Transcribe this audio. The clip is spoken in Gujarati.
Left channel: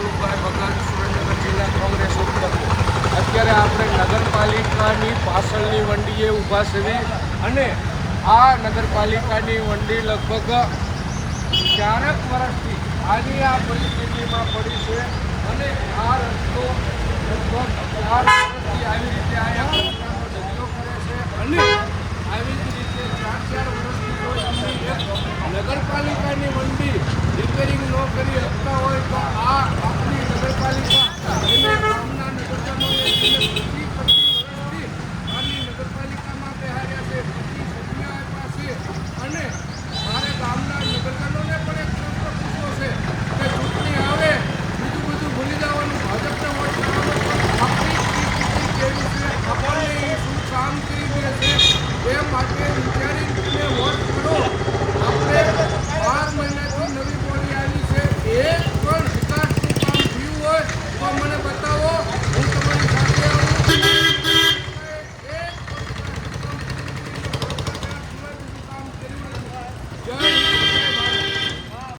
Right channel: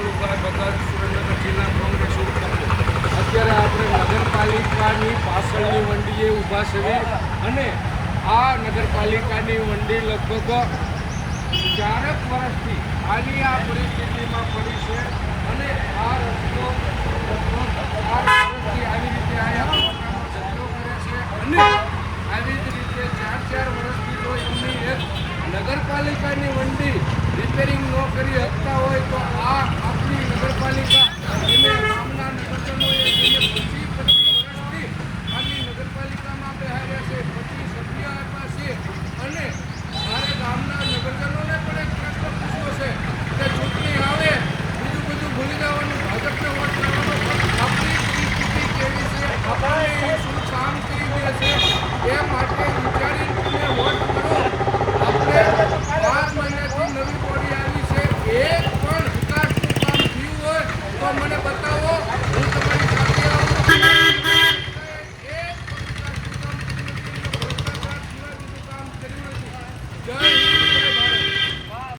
કમળભાઈ ભગત, સુરેન્દ્રનગર જિલ્લા કોંગ્રેસ ઉપપ્રમુખ। અત્યારે આપણે નગરપાલિકાની પાછળની વંડીએ ઊભા છીએ અને આ નગરપાલિકાની વંડી લગભગ 4 વર્ષથી આની આ પરિસ્થિતિમાં પડી છે અને આ રસ્તો લગભગ 4 વર્ષથી આવી રીતે અહીંયા કચરાનો ઢગલો કરે છે અને આવી જ રીતે 4 વર્ષથી જો એમની એક નગરપાલિકાની વંડી રિપેરિંગ ન કરી શકતા હોય તો આ આપણી નગરપાલિકા એને ગામના નગરજનોએ એને પ્રતિ